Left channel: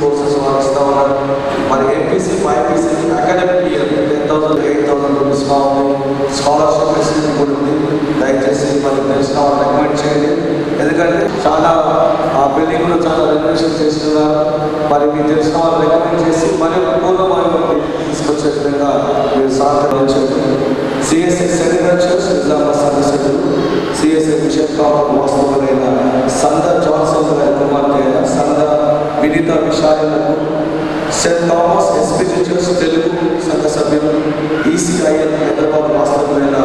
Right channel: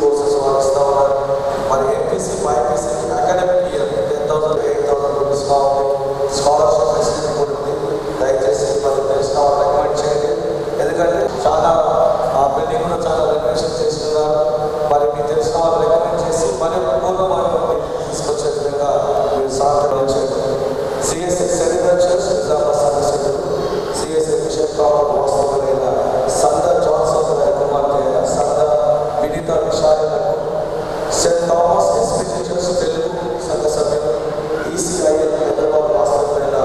Courses వాళ్ళు ఇస్తూ ఉన్నారు. మరి ఎంపీసీ, బైపీసీ అకాడమిక్ ఇయర్ 10,000 8,000 రూపీస్గా ఉంది. స్కాలర్షిప్ ఫెసిలిటీ కూడా ఉంది. దయచేసి మరి తెలిసిన వాళ్ళు రికమెండ్ చేయండి. ఎందుకంటే చాలా ఆ బిల్డింగ్లో చాలా రెనోవేషన్ చేస్తున్నారు. మరి మీకు తెలిసిన వాళ్ళు రికమెండ్ చేసి మరి పూర్వమైన తీసుకొచ్చే విధంగా మీరు సహకరించండి. సిఎస్ఎస్ సెక్రటరీస్ నిజామాబాద్ సదస్సులు, సిఎస్ఎస్ బిషప్ వాస్తవులైన సంద జాన్సన్ గారి కుమార్తె అయిన సంద వినీత విషయాలకు, Saint Thomas SPG church Telugu సంఘ సభ్యులు, ఈసీఐఎల్ హైదరాబాద్ వాస్తవులైన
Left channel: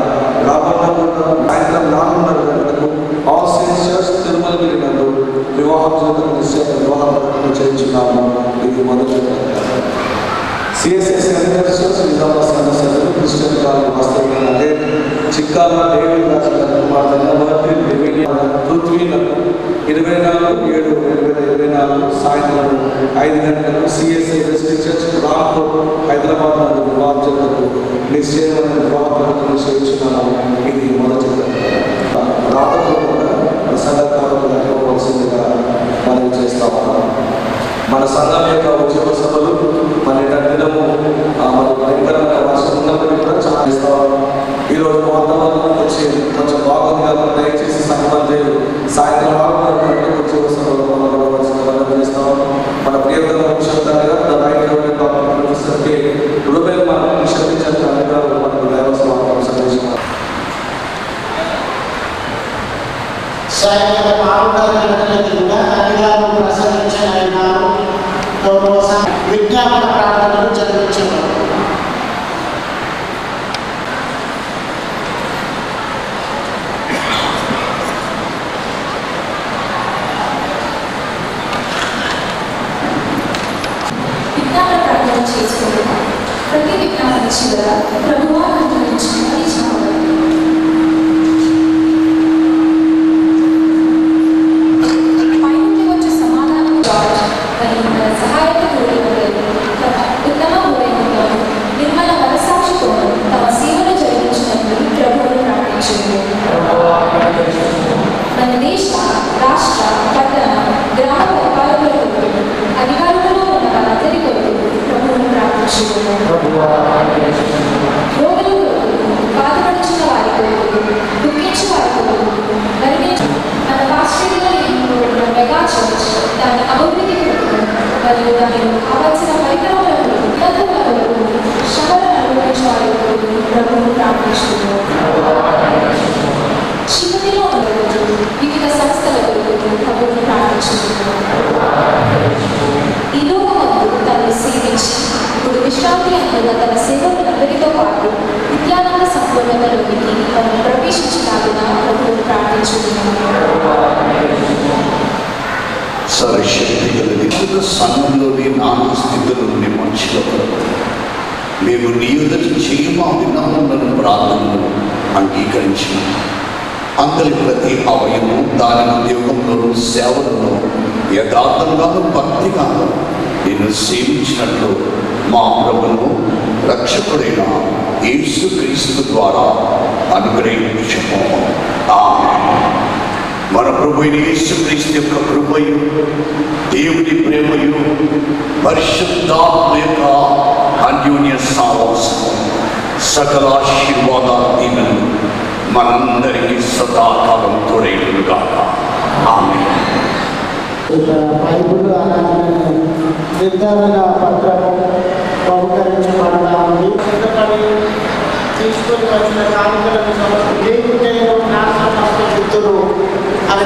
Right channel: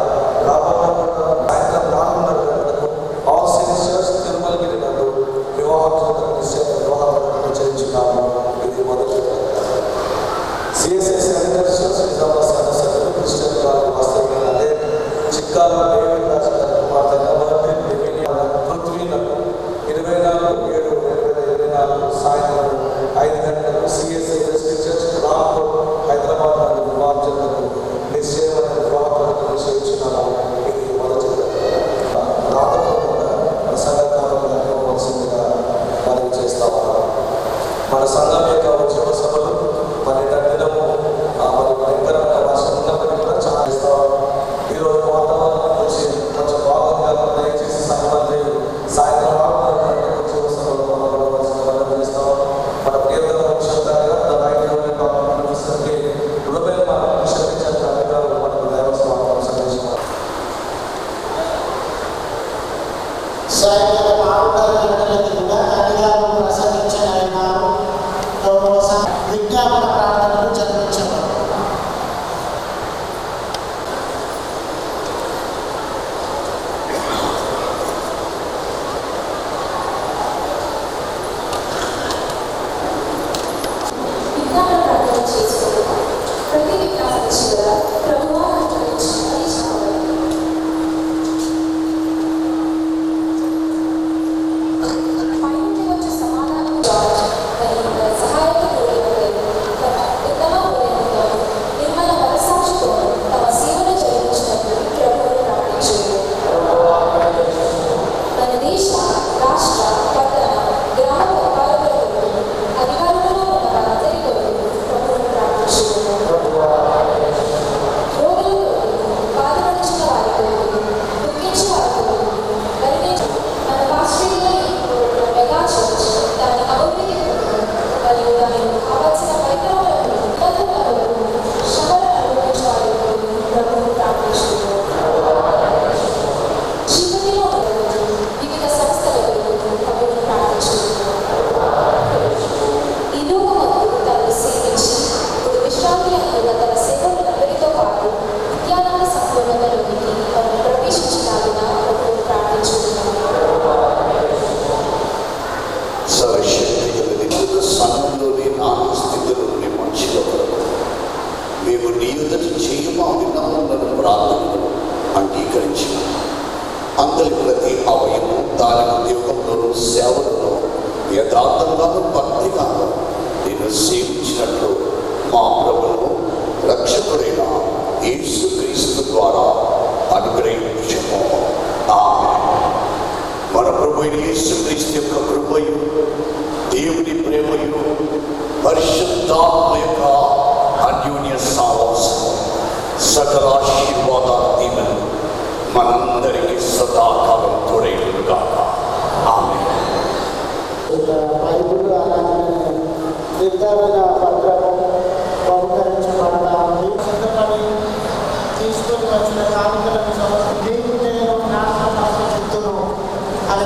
రాబోతున్న సాయంత్రం 4:30 గంటలకు ఆల్ సెయింట్స్ చర్చ్ తిరుమలగిరి నందు వివాహం వివాహం చేయించున్నాము. ఇది మొదటి. సిఎస్ఎస్ సెక్రటరీస్ నిజామాబాద్ సంఘ సభ్యులు క్రిస్టియన్ కాలేజ్ వాస్తవులైన అదే చిక్కాల డేవిడ్ రాజు గారి కుమార్తె పృథ్వీలకు 24/7/2024 సాయంత్రం 5 గంటలకు CSI district church Rampur Hyderabad నందు వివాహం జరుగుతూ నిశ్చయమైన వివాహ ప్రకటన చేయించున్నాము. ఇది మొదటి. రాతపూర్వకంగా ప్రసంగకారులు అనుకోవాల్సిందిగా మనం చేస్తా ఉన్నాం. మన సంఘం యొక్క ఉద్యోగ సభలు 12 దినము మరి భయంకరమైన వర్షం ఉన్నప్పటికీ కూడా చాలా ఇస్తాం. ఈరోజు వాతావరణం వచ్చి కొంచెం బాగుంది కాబట్టి దయచేసి సంబంధులు సాయంత్రం 6:30 గంటలకు ఉద్యోగ సభలో మనం చేస్తాం. మన ప్రియతమ ముఖ్యమంత్రిగా right revenue doctor professor K rouble మనం నిషేధించారు అధికారులు మనకు దేవస్వామి సందేశం. సాయంత్రం 6:30 గంటలకు కూడా అధికారులు ప్రసంగించనున్నారు. విజ్ఞాపన ప్రార్థనలు జరిపించారు. విజ్ఞాపన ప్రార్థన చేసుకుంటున్నాం. ప్రతి విజ్ఞాపన చివర ప్రభువా సంఘంలోని నానా స్థితులు ఉండే మనుషులకు మేము నీ ఎదుట చేయమా విన్నపములను ప్రార్థనలు అంగీకరించిన అందరి ప్రతి అవయము దాని ఉద్యోగంలోనూ సేవలను యథార్థంగాను భక్తిగాను నేను సేవించినట్లు మా ప్రభువును రక్షకుడైన యేసుక్రీస్తు ద్వారా అనుగ్రహించుము. ఆమేన్. మన ప్రభు యేసుక్రీస్తు యొక్క కృపయు దేవుని ప్రేమయు పరిశుద్ధాత్మ యొక్క అన్యోన్య సావాసం సకల ఆశీర్వాదాలు దీవెనలు మనందరికీ సదాకాలం తోడేలుగా. ఆమేన్. బైబిల్ నిర్ధారణ పత్రం బహుకరించబడతా ఉంది. తీసుకొని వచ్చిన కానుకలను సమర్పితులు అని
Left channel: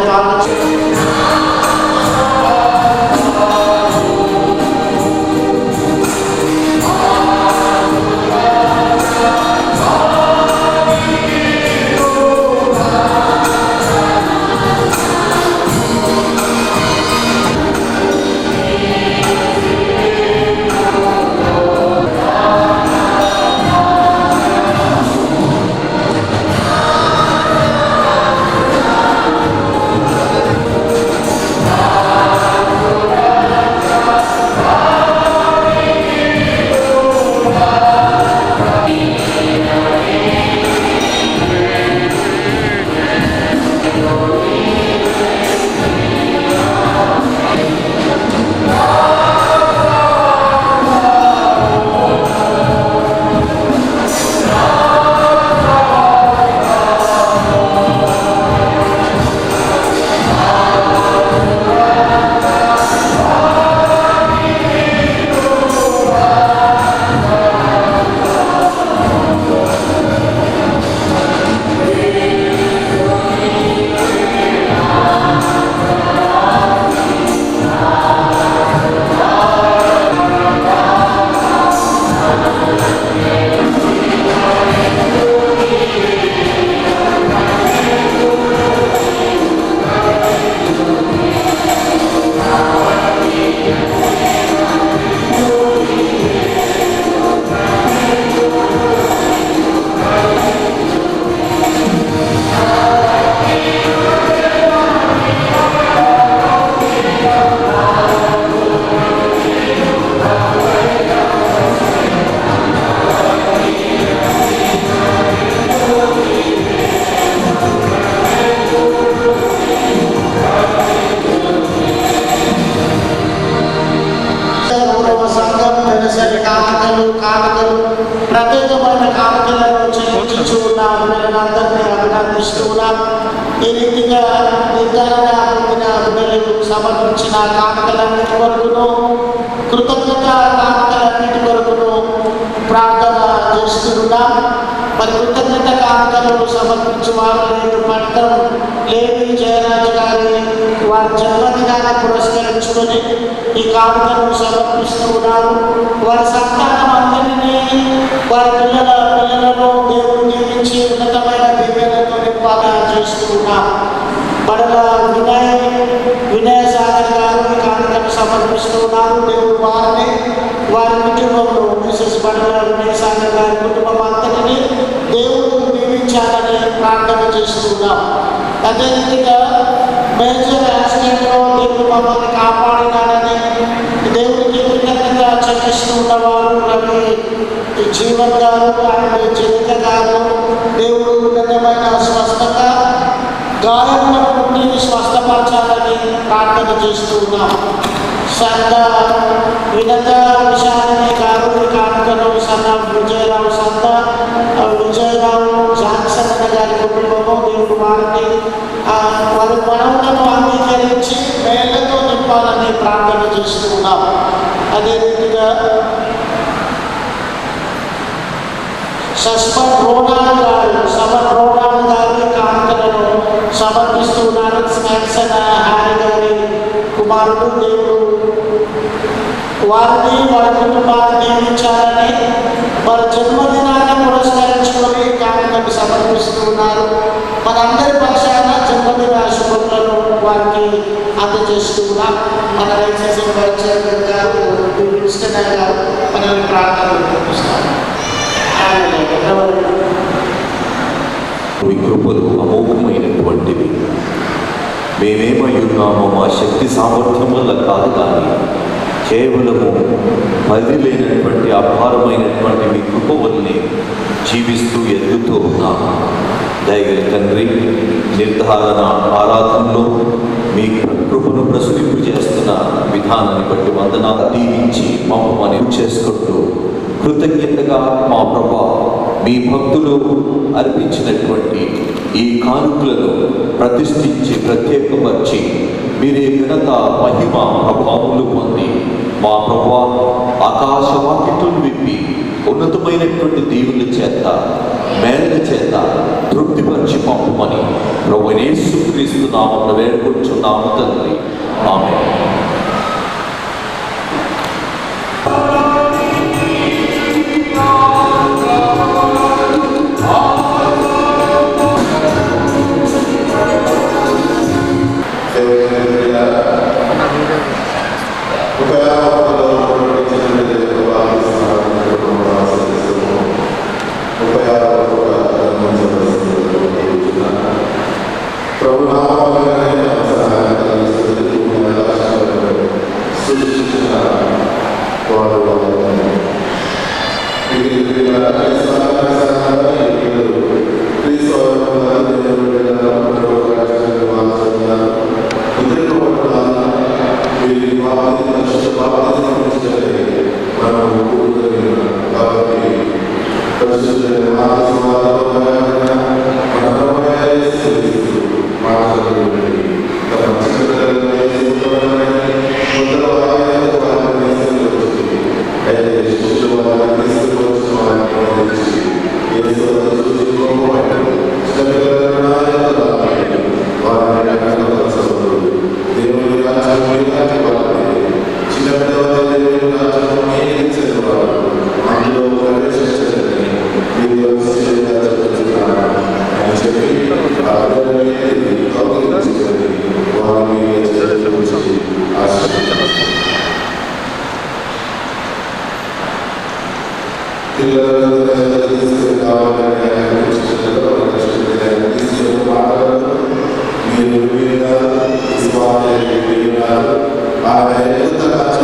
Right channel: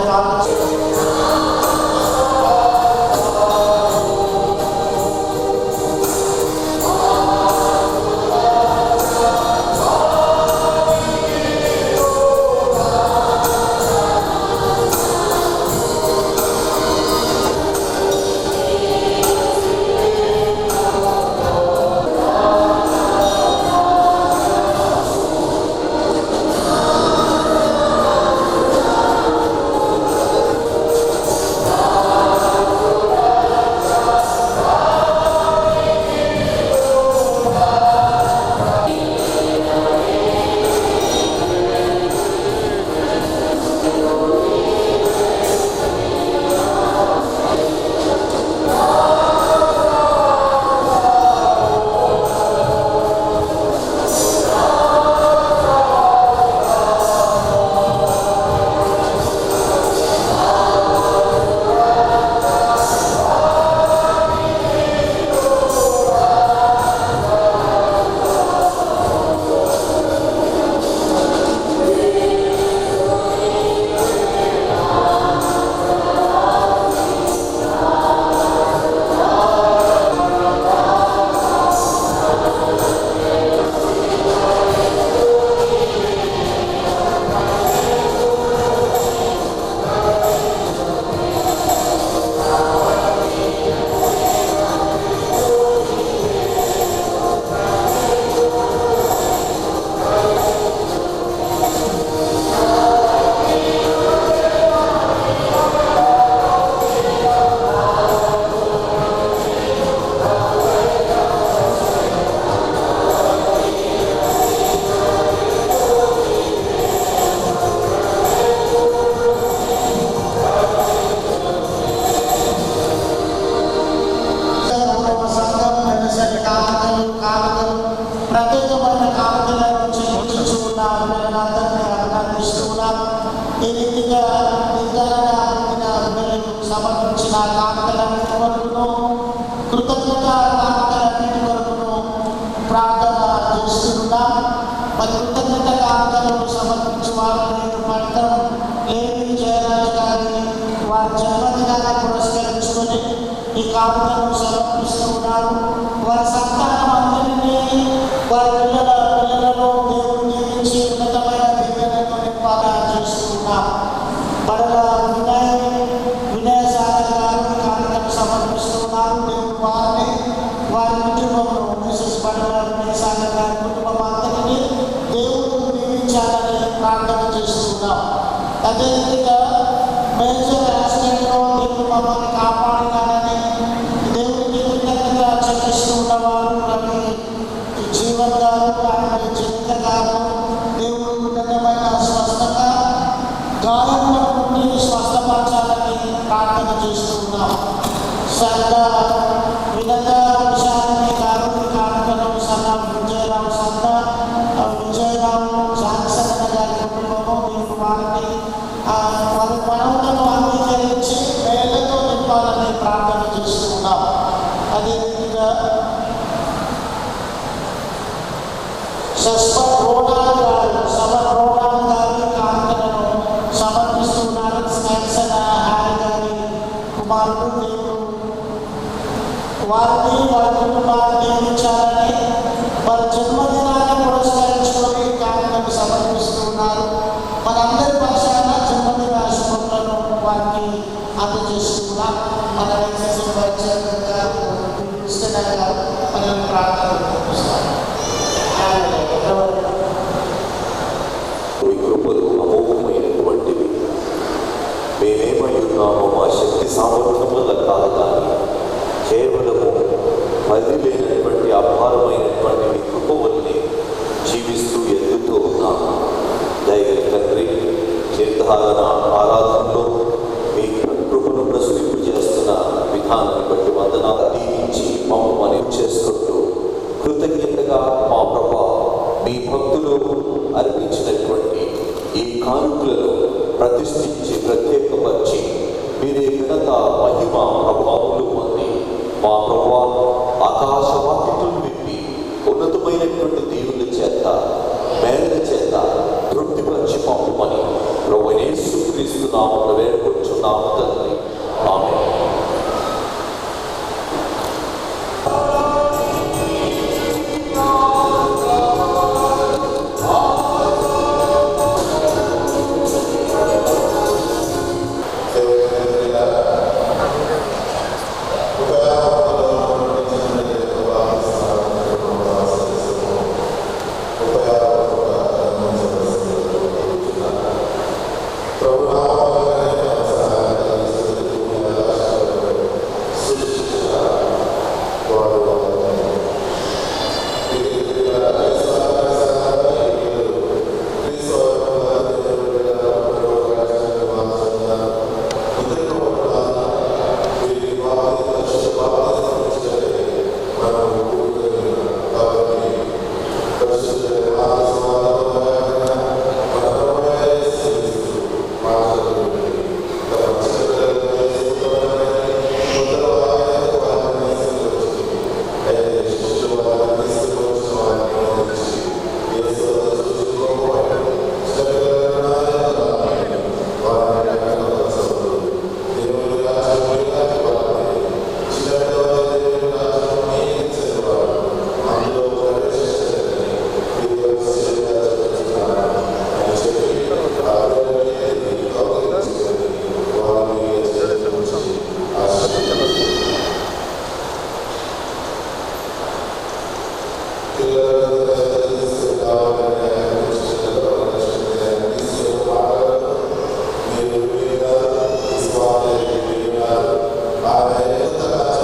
కృతజ్ఞత కానుకలన్నిటి కొరకును ప్రార్థన చేస్తున్నాం. మరి కృతజ్ఞత కానుకలు సమర్పించేవారు నేడు పట్టం లేవి జయరాజు గారి వారి జన్మదినాన్ని పురస్కరించుకొని ఈ కానుకను సమర్పిస్తూ ఉన్నారు. వారి సంతానం అందరినీ వారి పిల్లలను దేవుడు నియమించి ఉన్నతమైన దీవెనలతో నింపాలని చేస్తూ ఉన్నాం. మరల వినయ సాగర్ గారు ఈ కానుకను సమర్పిస్తూ ఉన్నారు. దేవుడు వారిని వారి కుటుంబంలో మిసెస్ మరల వినయ సాగర్ గారి కుటుంబం అంతటినీ దేవుడు నియమించాలని ప్రార్థన చేస్తూ ఉన్నాం. అదే రీతిగా మేజర్ యాక్సిడెంట్లో దేవుడు మమ్మల్ని కాపాడినాడని దేవుడికి కృతజ్ఞత చెల్లిస్తూ ఉన్నవారు రవి జీవన్ గారు అండ్ జనిత గారు దేవుడు ఉన్నతమైన స్వస్థత గాయముల నుండి స్వస్థపరచాలని ప్రార్థన చేస్తూ ఉన్నాం. వినత విశాలని గారు కానుకలు సన్న విజయరావు జాన్సన్ గారి కుటుంబము దేవుడు వారిని వారి మనవులను అంగీకరించి మేళ్లతో నింపాలని ప్రార్థన చేస్తూ ఉన్నాం. అదే రీతిగా సస్మన్ రోనాల్ గారి కానుకలను సమర్పిస్తున్నారు. స్నాక్సన్ హారి గారి కుమారుడు దేవుడు వారిని వారి కుటుంబాన్ని నియమించాలని వారి జన్మదినాన్ని పురస్కరించుకొని కానుకలు సమర్పిస్తూ ఉన్నారు. మనందరి పక్షాన జన్మదిన శుభములను వారికి అందజేస్తూ ఉన్నాం. మన రైతు గారు విన్స్టన్ గారు మనల్ని ప్రార్థనలు పంపిస్తారు. మీ కృపలు అమోఘమైనటువంటివి. మేమేమై ఉన్నామో మా శక్తి సామర్థ్యం వల్ల కాదు, కానీ కేవలము పది లేనటువంటి అపారమైనటువంటి మీ కృప వల్లనే జీవిస్తూ ఎదుగుతూ ఉన్నాము. దయగల తండ్రి, నిర్ధారణ ఆరాధనలో మీ కృపను ప్రసరింపు చేస్తున్న విధానాన్ని బట్టి వందనాలు దీవించి మమ్మల్ని చేసుకుంటూ కృతజ్ఞతగా మా ప్రభా మీ భక్తులు అర్పించినటువంటి ఈ కానుకలను ప్రతిష్ఠించి ప్రత్యేకపరిచి మీరే ఘనత మహిమ ప్రభావములు పొంది మా ప్రభా ఆకాశవాక్యతలు విప్పి ఉన్నతమైనటువంటి దేవుల చేత మేళ చేత తృప్తిపరిచి పంపమని ప్రభువైన యేసుక్రీస్తు నామమున వేడుకొంచున్నాము తండ్రి. ఆమేన్.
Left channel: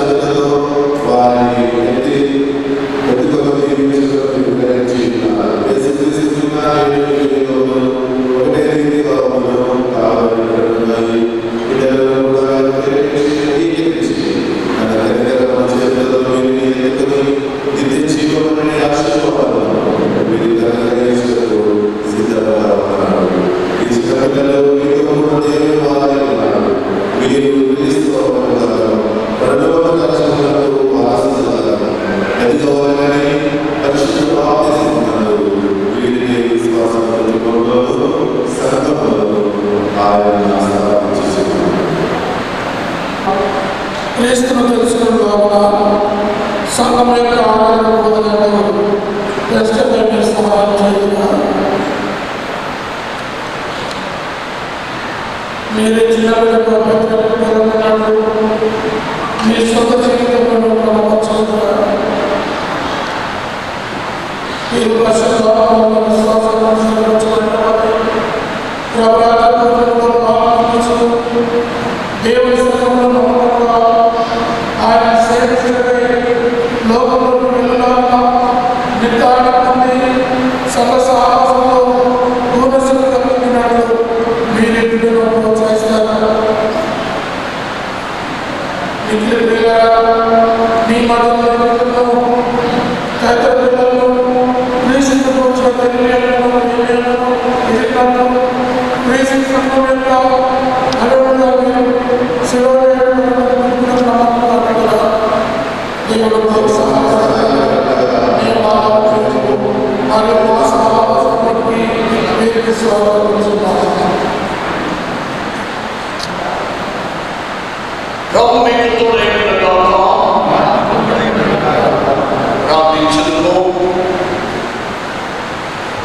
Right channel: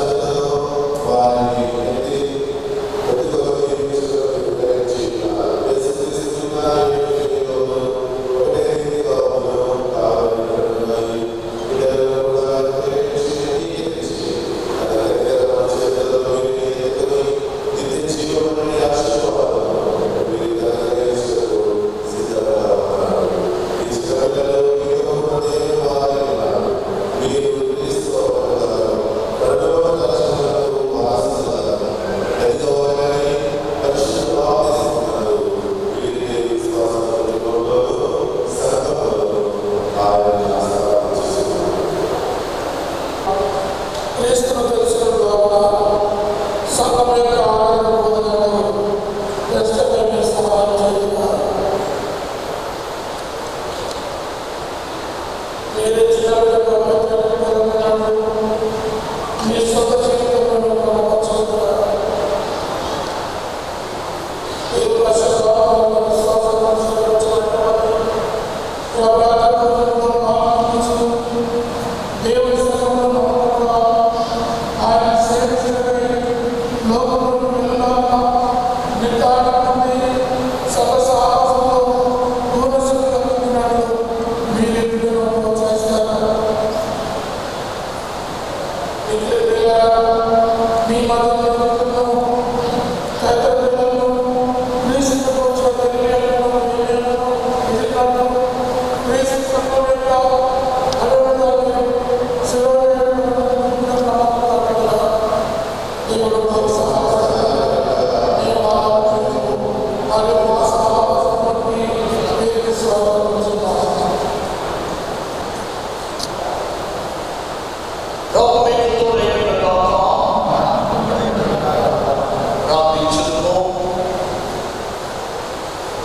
మీరు దేవుడు మాకు సహాయం నేను మా మరియు మా సమాజానికి వీరికి స్వాగతించున్నాను. ప్రార్థించుదుము.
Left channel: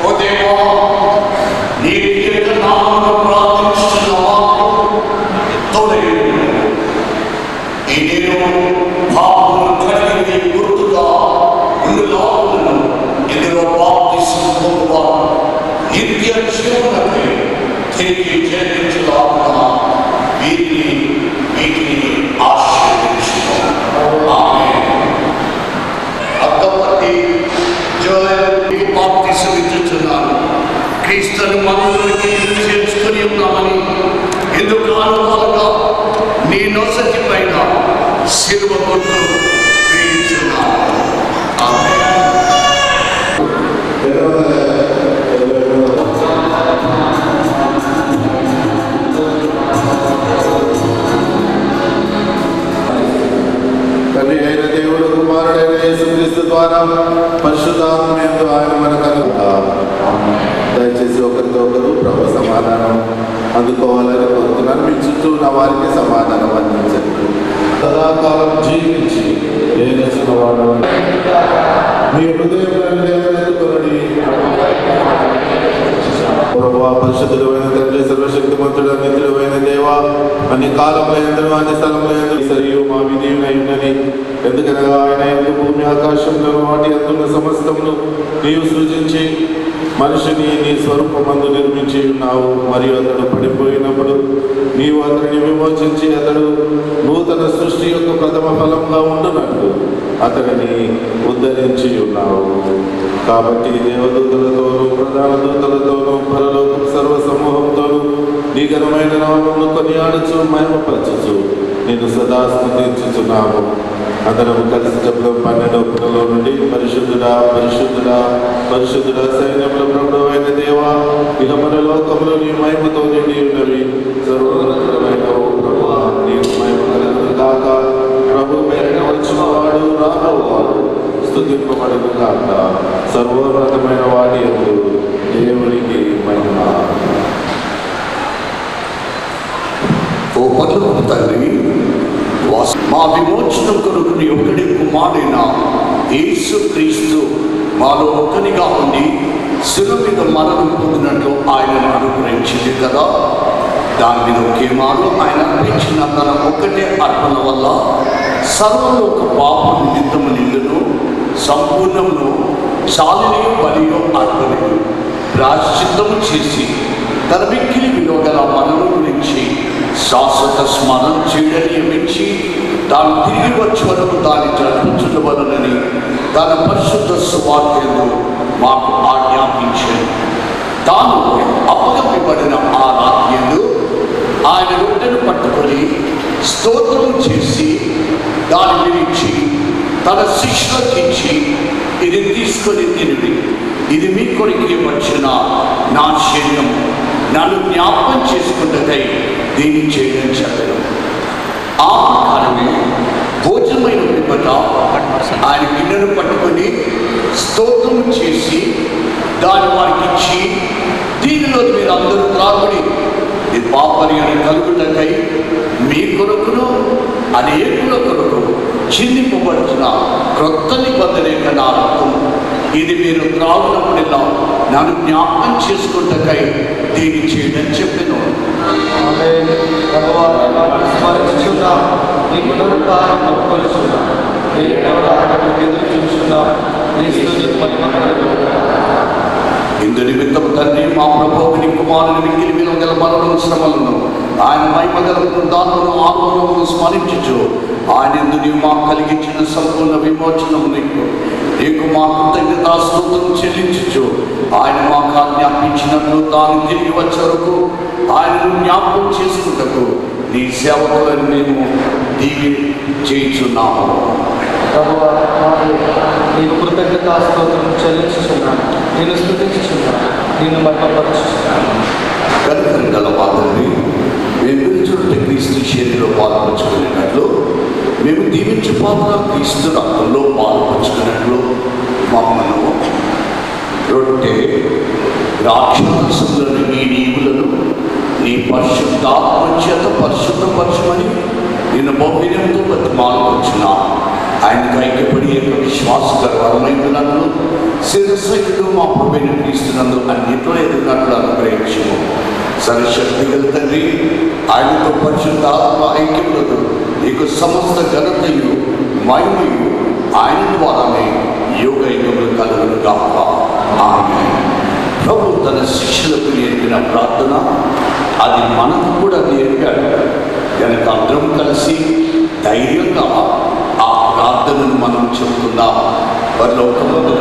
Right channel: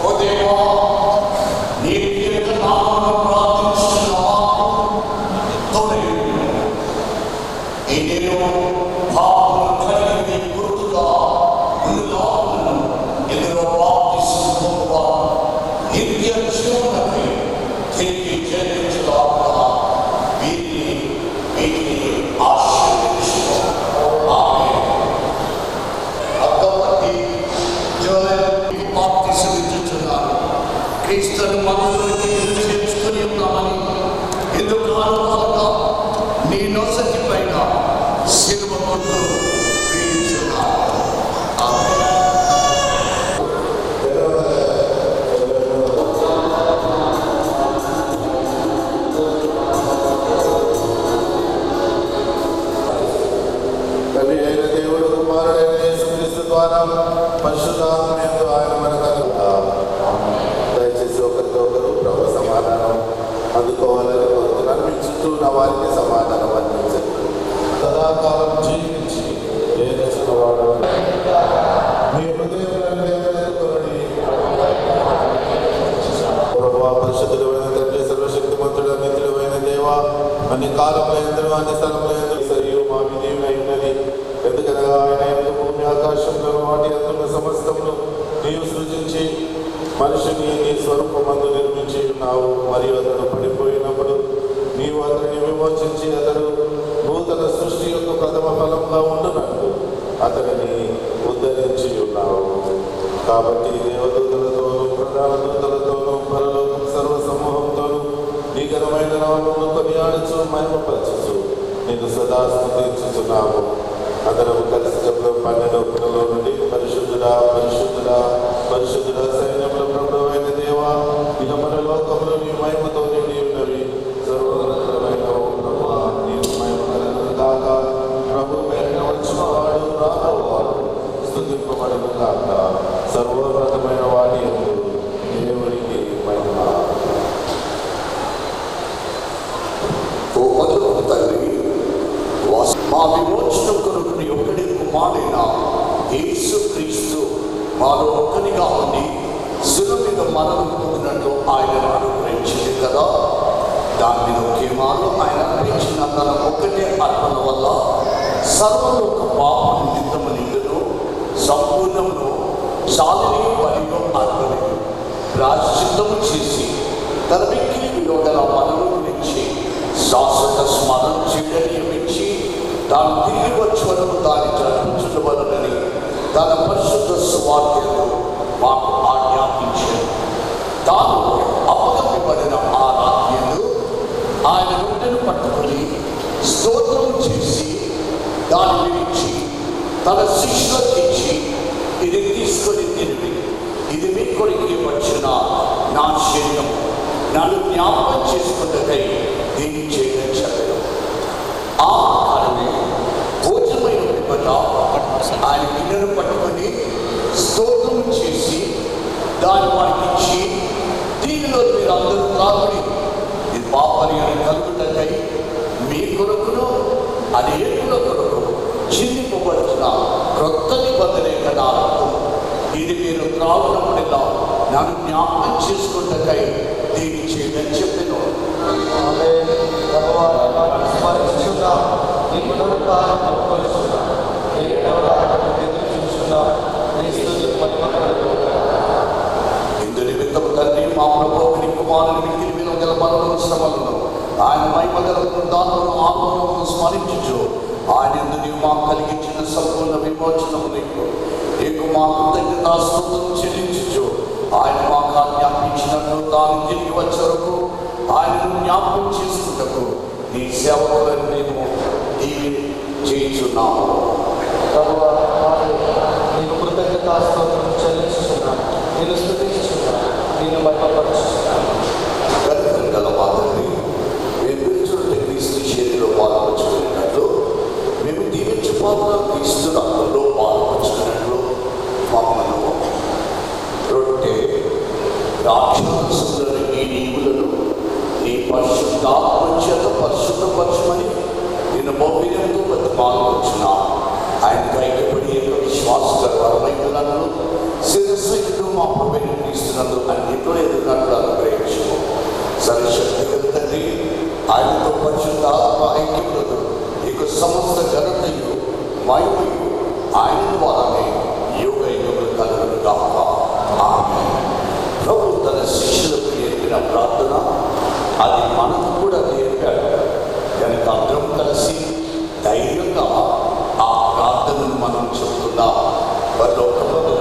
ఓ దేవా, నీ కీర్తి నామమున ప్రార్థించుచున్నాము. తోడేయుడు ఈ నేను పాపమును కడిగి నీ గుర్తుగా ఉండులాగునను ఇందులో బాప్తిస్మము పొందువారు నిత్య జీవమునకై తిరిగి జన్మించులాగున వీటిని ఆశీర్వదించుము. ఆమేన్. అక్కపట్టి జోయల్కి బాప్తిస్మం ఇచ్చుచున్నాను. క్రీస్తును మనలోకి చేర్చుకొని ఉన్నామని ఎందుకు అనుభవంగా నీ నొసటి పైన శిలువ గుర్తు వేయించున్నాను. ఆమేన్. తండ్రి అయిన దేవుడు కుమారుడైన యేసుక్రీస్తు ద్వారా పరిశుద్ధాత్మయందు ఆయన మనకు దయచేసి ఒకరితో ఒకరు ప్రభు సమాధానం అందుకోవాలని కోరుతున్నాను. మీ చుట్టూ ఉన్న వారికి సమాధానం అందించండి. సదాకాలం జీవించి ఏ నచ్చినవాడు మీ హృదయంలోని ప్రభువా, పరిశుద్ధుడు అయిన తండ్రి, సర్వశక్తిమంతుడు నిత్యుడు అయిన దేవా, అన్ని కాలంలో ఎందరూ అన్ని స్థలంలో ఎందరూ సరియు మా విధేయుడై ఉన్నది. ఎందుకనగా ఆయన యందు భూమి ఆకాశంలో వాటి అందున్న సమస్తమును నీవు సృజించి మనిషిని నీ స్వరూపమందు నిర్మించి ఉన్నావు. మరియు అతడు పడిపోయినప్పుడు నీవు అతడిని విమోచించి అతడు నూతన సృష్టి యొక్క ప్రథమ ఫలంగా ఉండునట్లు అతడిని ఉద్ధరించి ఉన్నావు. కాబట్టి దేవదూతలతోనూ ప్రధాన దూతలతోనూ పరలోక సర్వ సమూహంతోనూ నీ ఘనమైన నామమును కొనియాడుచు మహిమపరచుచు నేను సదా స్తుతించుచున్నాము. అందరం కలిసి చెప్తాం. 12వ నుండి పరిశుద్ధుడా పరిశుద్ధుడా పరిశుద్ధుడా సైన్యముల ప్రభువు అయిన దేవా, ఇక పరలోకములు నీ మహిమతో నిండి ఉన్నవి. సర్వోన్నతమైన ఓ ప్రభువా, నీకు మహిమ కలుగును గాక. ప్రభు పేరిట వచ్చినవాడు రాబోవాడు స్తుతింపబడును గాక. సర్వోన్నతమైన వాడి యందు దేవునికి మహిమ. ఓ పరలోక తండ్రి, మా విమోచనం కొరకు నీ ఒక్కడి కుమారుడైన యేసుక్రీస్తు మాలో ఒక్కనిగా ఉండి శిలువ మీద మరణం పొందినట్లు ఆయనను అనుగ్రహించింది కదా. దాని మీద ఒకే మారు ఆయన అర్పించిన తన ఒక్కటే అర్పణ వల్ల సర్వలోక పాప నిమిత్తము నిండును సంపూర్ణమును చాలినియో బలియో అర్పణను ప్రాశ్చిత్తము చేసి తన మిక్కిలి విలువగల మనను గురించి శాశ్వత స్మరణ చేయడం నియమించి తాను తిరిగి వచ్చే వరకు దాన్ని జరిపించవలనని తన పరిశుద్ధ సువార్తను మాకు ఆజ్ఞాపించాడు. తాను అప్పగింపబడిన ఆ రాత్రిలో ఆయన రొట్టెను పట్టుకొని స్తోత్రం చేసి దాని గురించి తన శిష్యులకు ఇచ్చి, ఇది తీసుకొని తినిడి, ఇది మీ కొరికి వచ్చిన నా శరీరం, నన్ను జ్ఞాపకం చేసుకున్నదై దీన్ని చేయడం చెప్పారు. ఆ ప్రకారమే భోజనమైన పిమ్మట ఆయన గిన్నెను పట్టుకొని స్తోత్రం చేసి దాని వారికి ఇచ్చి, దీనిలో మీరు అందరూ త్రాగుడి, ఇది పాపర్యాన్ని కలుగుటకై మీ కొరకును అనేకుల కొరకు చిందింపబడుతున్న క్రొత్త నిబంధన యొక్క నా రక్తం, ఇది మీరు త్రాగునప్పుడెల్లా నన్ను జ్ఞాపకం చేసుకుంటకై దీన్ని చేయడం చెప్పాను. ఇందు నిమిత్తం తండ్రి మా ప్రభువుని కుమారుని మిగిలి విలువగల మరణం శ్రమలను ఆయన మహిమగల దానులను ఆత్మలను స్మరించుచు ఆయన ఎందు నీవు మాకు కలిగించిన సంపూర్ణ విమోచనము నీకు మా కృతజ్ఞతాస్తుతులను చెల్లించుచు ఆయన మాకు ఆజ్ఞాపించినట్లు తాను తిరిగి వచ్చే వరకు ఆయనను జ్ఞాపకం చేసుకుంటకు నీ సేవకులను మేము దీవి చేయించున్నాము. నీకు కృతజ్ఞతాస్తుతులను చెల్లించుచున్నాను, నేను స్తుతించుచున్నాను, నేను మహిమపరచుచున్నాను. కనికరం గల మా తండ్రి, మేము పిలుచుంటే క్రీస్తు చేతిలో పాల్పంచుకునేటట్లు మేము దీవించు పాత్ర క్రీస్తు రక్తంలో రాక్షసులను నీ నీవులను నీ పరిశుద్ధాత్మ చేత పరిశుద్ధపరచమని నిన్ను బహువినంతో బతిమాలుకొచ్చిన ఆయనకు ఐక్యపడి విశ్వాసకరమైనట్లు శిరస్సులు మా ప్రభువైన క్రీస్తునందు అన్నిట్లో ఎదుగునట్లు అనుగ్రహించము. సర్వశక్తి గల తండ్రి, ఆయనతో పరిశుద్ధాత్మ ఐక్యములతో నీకు సమస్త ఘనతయు మహిమయు ఆయన ద్వారానే యుగ యుగములు కలుగును గాక. ఆమేన్. ప్రభు తన శిష్యులకు నేర్పిన ప్రార్థన అది మనకు కూడా నేర్పాడు కనుక అందరం కలిసి ధైర్యంగా ఆ ప్రార్థనను మనం చెబుతున్నాం. పరలోకమందు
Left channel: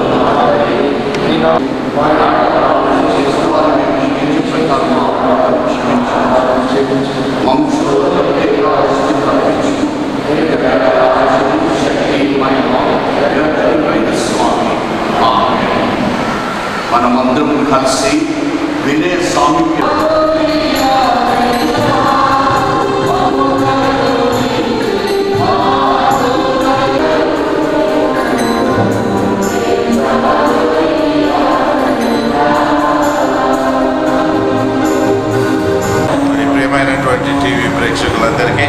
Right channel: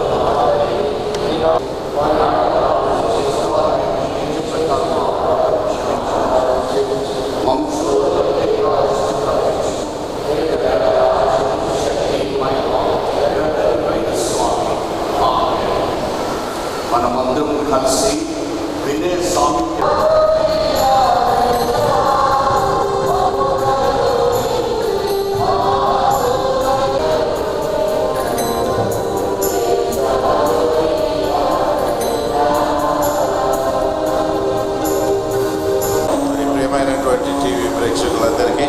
మనమందరం కలిసి వినే సామీప్య ప్రియమైనటువంటి టీవీ ప్రేక్షకులందరికీ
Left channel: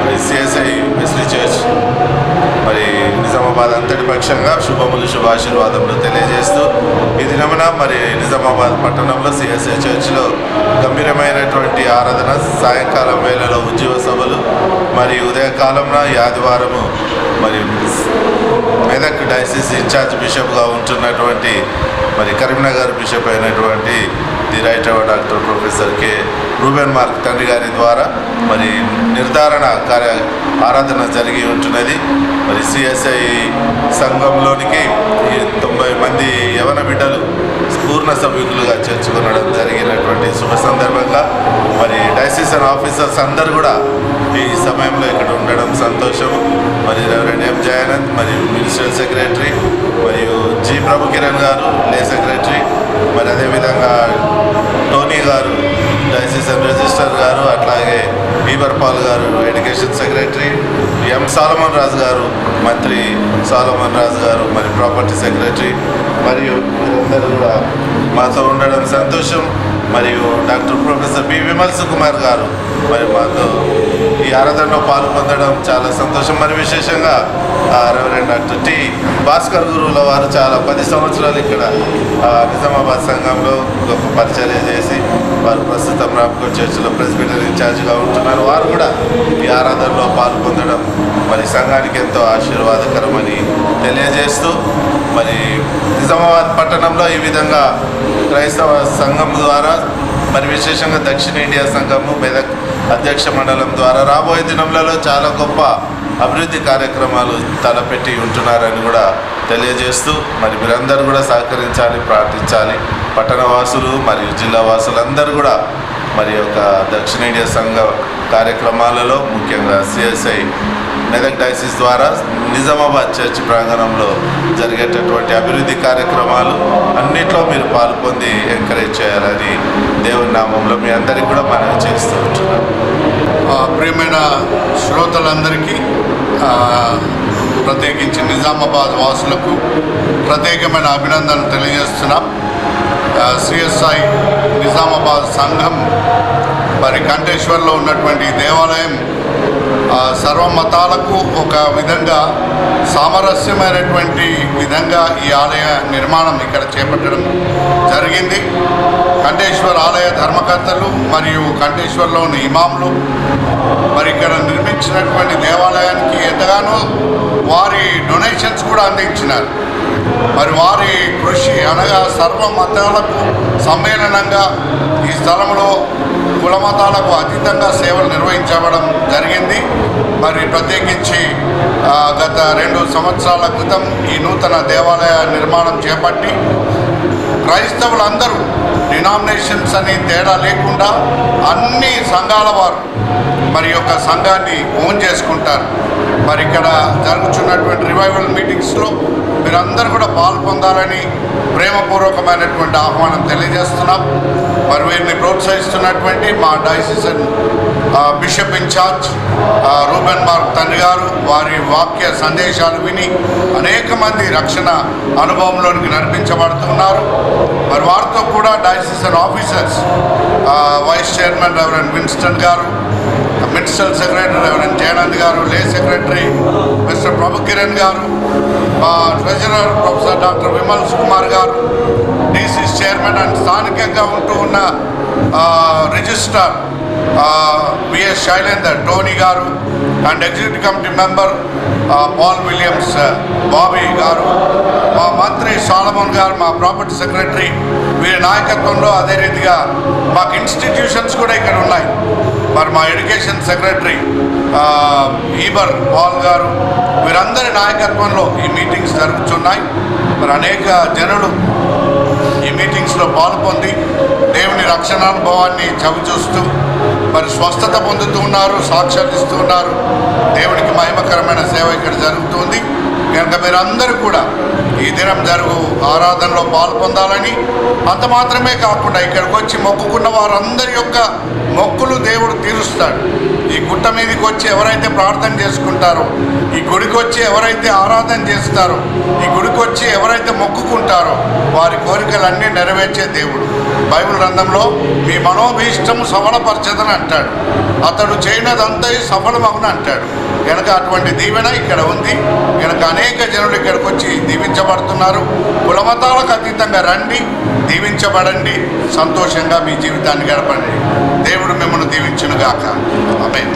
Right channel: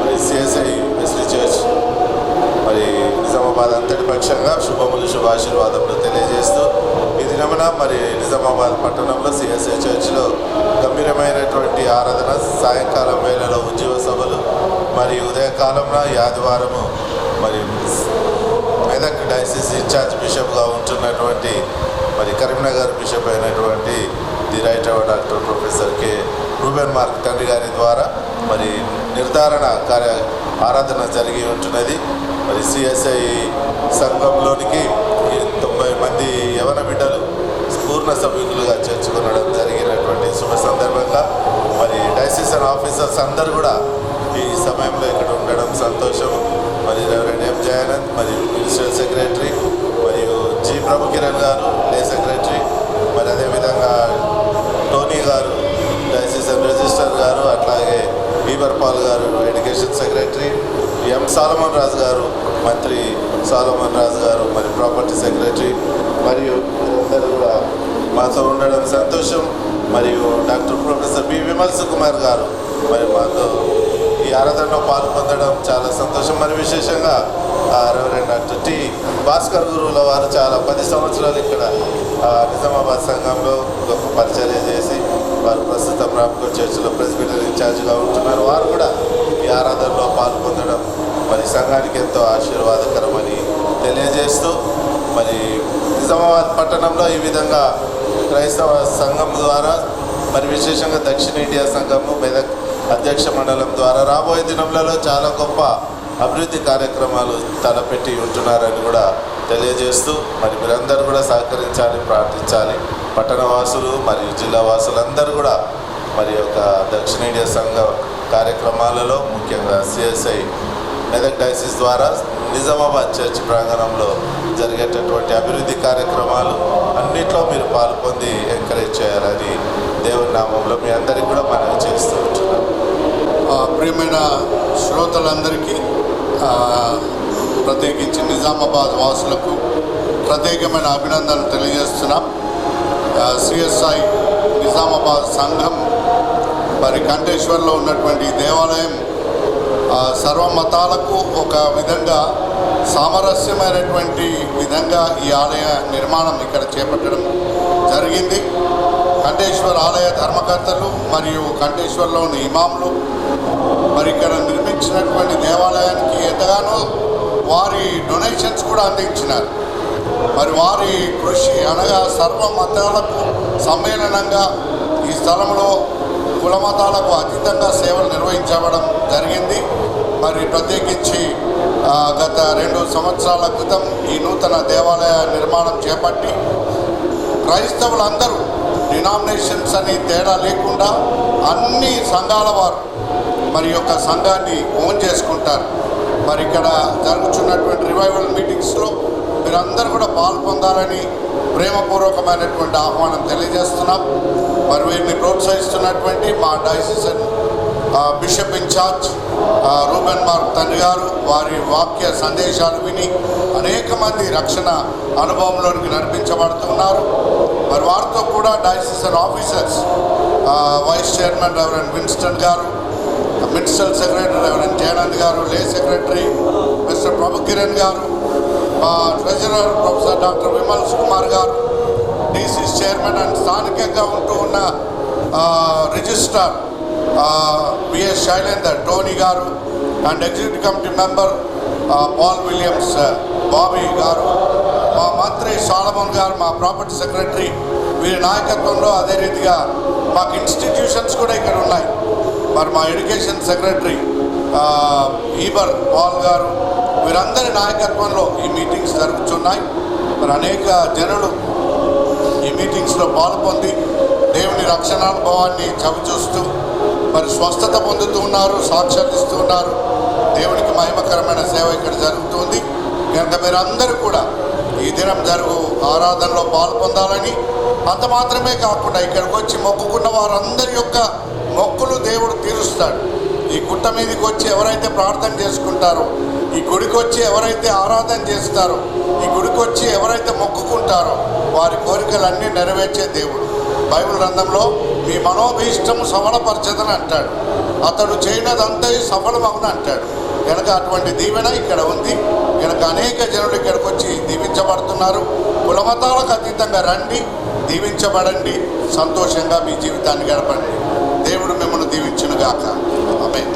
మరి సిఎస్ఐ వెస్లీ చర్చ్ మరి నిజామాబాద్ అంతటి పక్షంగా శుభములు శుభాశీర్వాదములు తెలియజేస్తూ ఈ దినమున మరి నిజామాబాద్ పట్టణంలో సిఎస్ఐ చర్చ్లో గంభీరమైనటువంటి ఆరాధన, సాయంకాలం వేళలో ఉద్యోగ సభలు మరి ఉదయకాలంలో ఈ ఆదివారము మరి మెదక్ డయాసిస్ ఇన్ఛార్జ్ బిషప్గా ఉంటున్నటువంటి మరి కరీంనగర్ బిషప్ అయినటువంటి the right doctor professor K Reuben Mark తండ్రి గారి ద్వారా మరి నిర్ధారణ ఆరాధన జరిగి ఉంటున్నది. మరి సిఎస్ఐ సంఘంలోనికి 90 మంది యవన బిడ్డలు పూర్ణ సభ్యులుగా చేర్చుకునడం జరిగినటువంటి శుభ సందర్భంగా మరి డయాసిస్ ఆఫీసర్స్ అందరూ కూడా ఈ సమయంలో ఇక్కడ ఉండడం సంతోషము. మరి రెవరెండ్ ఎం జయానంద్ మరియు మినిస్ట్రియల్ సెక్రటరీ మరియు జి ప్రభు కిరణ్ గారు లే సెక్రటరీ, మరి అదేవిధంగా టోనీ గారు డయాసిస్ రిజిస్టర్ గారు, అట్లాగే బీబర్ పాల్ గారు ఎడ్యుకేషన్ సెక్రటరీ, ఎం సాలమన్ రాజు గారు మంత్రి సాలమన్ రాజు గారు మరి ప్రాపర్టీ సెక్రటరీ, మరియు మీరందరూ కూడా మాతో ఉండడం సంతోషం. మరియు doctor professor B Vimal Sukumar garu మరి మాతో ఈ ఆరాధనలో పాలు పొందడం చాలా సంతోషం. మరి విశేషంగా రెవరెండ్ డాక్టర్ టి భాస్కర్ గురువుల వారు చాలా 10 సంవత్సరాలు ఇక్కడ నిజామాబాద్ సంఘంలో గొప్ప పరిచర్య చేసి వారు ప్రస్తుతం రామ్కోట్ చర్చిలో ప్రెసిడెంట్ ఇన్ఛార్జిగా ఉంటున్నారు. వారు కూడా ఈ ఆరాధనలో పాలు పొందడం మరి సంఘానికి ఎంతో ఆశీర్వాదకరమని తెలియజేస్తూ మరి నిజామాబాద్ పట్టణంలో ఈ విధంగా క్రైస్తవ సంఘం ద్వారా మరి విశేషంగా దక్షిణ ఇండియా సంఘము మెదక్ అధ్యక్ష మండలం ద్వారా రాబోయే దినంలలో చాలా గొప్ప అభివృద్ధి కార్యక్రమాలు తలపెట్టి ఉంటున్నారని కూడా తెలియజేస్తూ మరి మీరందరూ కూడా సహకరించాలి, ప్రార్థించాలి. పట్టణవాసులు మరియు జిల్లా వాసులందరూ కూడా మరి యొక్క దక్షిణ ఇండియా సంఘ కార్యక్రమాలలో ముఖ్యంగా సిఎస్ఐ మెదక్ డయాసిస్ ద్వారా నిజామాబాద్ చర్చ్ ప్రాంగణంలో జరిగేటటువంటి అభివృద్ధి కార్యక్రమాలు అన్నిట్లో మీరు పాల్పొంది ఎంకరేజ్ చేయాలని దేవుని నామంలో మీ అందరికీ కూడా మనవి చేస్తూ ఉంటున్నాం. ప్రియమైన శ్రోతలందరికీ ప్రత్యేకించి నిజామాబాద్ వాసులకు ప్రత్యేకమైన అభినందనలు తెలియజేస్తున్నాం. సిఎస్ఐ నిజామాబాద్ సంఘం మరి కంఠేశ్వర్లో ఉన్నటువంటి దేవాలయం సర్వమతాలకు ఒక విధంగా సామరస్యమైనటువంటి విధంగా ఈ ఆలయ నిర్మాణం ఇక్కడ చేపట్టడం జరిగింది. కంఠేశ్వర్ ఆలయ ధర్మకర్తలు మరియు కంఠేశ్వర్లోని ఇమాంలు మరి ఇక్కడ నిర్మించినటువంటి దేవాలయానికి ఎంతగానో వారి డొనేషన్స్ కూడా అందించినారు. మరి వారి కృషి అనగా సర్వ మతాలకు సమ్మేళనంగా ఈ స్థలంలో కుల మతాలకు అతీతంగా సేవలు నిర్వహించబడడం జరిగింది. మరి ప్రత్యేకించి గత 2 సంవత్సరాల క్రితం ఈ నూతన దేవాలయ నిర్మాణం చేపట్టి క్రైస్తవులందరూ డినామినేషన్స్ అని తేడా లేకుండా అన్ని సంఘాల వారు మరి యొక్క సంఘాన్ని ఓన్ చేసుకుంటారు. మరి ఇక్కడ జరుగుతున్నటువంటి రివైవల్ మీటింగ్స్లో మీరందరూ కూడా పాల్పొందాలని ప్రేమపూర్వకమైనటువంటి ఆహ్వానం తెలియజేస్తున్నాం. మరి వీరిని ప్రోత్సహిస్తున్నటువంటి మా diocese bishop incharge Reuben Mark తండ్రి గారు వారి వాక్య సందేశాలు విని అనేక మంది రక్షణ అనుభవంలోనికి నడిపించబడుతున్నారు. మరి వారితో కూడా diocesan officers vice chairman reverend Winston గారు, మినిస్ట్రల్ సెక్రటరీ రెవరెండ్ జయానంద్ గారు, lay secretary mister Prabhu Kiran గారు, treasurer professor doctor Vimal Kumar గారు, డీసీ చైర్మన్ అండ్ స్థానికంగా ఉంటూ ఉన్న రిజిస్ట్రార్ విఎస్ శైలేందర్ టోనీ గారు and executive committee member Paul Williams Bobby గారు, మా మంత్రి సాలమోన్ గారు, మా ప్రాపర్టీ సెక్రటరీ, వీరి నాయకత్వంలో అదే రీతిగా మాకు ఇన్స్టిట్యూషన్స్ కూడా ఇక్కడ ఉన్నాయి. మరి మా ఎడ్యుకేషన్ సెక్రటరీ ఈబర్ పాల్ గారు, వీరందరి నాయకత్వంలో ఈ మీటింగ్స్ జరుగుతున్నాయి. మరి అనేక జనులు ఈ మీటింగ్స్లో పాల్పొంది దేవుని రక్షణానుభవాన్ని చవిచూస్తూ మరి స్వస్థత పొందుతూ ఉన్నారు, సాక్ష్యాలు ఇస్తూ ఉన్నారు. దేవునికి మహిమకరమైన సేవ ఇక్కడ జరుగుతుంది కనుక మీరందరూ కూడా ఈ దినం జరుగు ఆరాధనలో పాల్పొందాలని, అంత మాత్రమే కాకుండా ఇక్కడికి వచ్చి మొక్కుకున్న వారందరి యొక్క మొక్కులు దేవుడు తీరుస్తాడు. ఈ గుట్ట మీదకి వచ్చి ఎవరైతే ప్రార్థన చేసుకుంటారో, ఈ గుడికి వచ్చి ఎవరైతే ఆరాధన చేస్తారో, ఈ గుడికి వచ్చి ఎవరైతే మొక్కుకుంటారో వారి కోరికలన్నీ నెరవేర్చే దేవుడు. బైబిల్ గ్రంథంలో మీ మనోభీష్టము సఫలపరచదని అంటాడు, అతడు చేయనదంతా సఫలమగును అంటాడు. కనుక అటువంటి దీవెన ఇక్కడ ఉంది కనుక అనేక జనులు ఇక్కడికి వచ్చి దీవించబడుతున్నారు. కులమతాలకు అతీతంగా రండి, దీవించబడండి, సంతోషంగా మీ జీవితాన్ని గడపండి. దేవుడు మిమ్మల్ని దీవించునుగాక. ఆమేన్.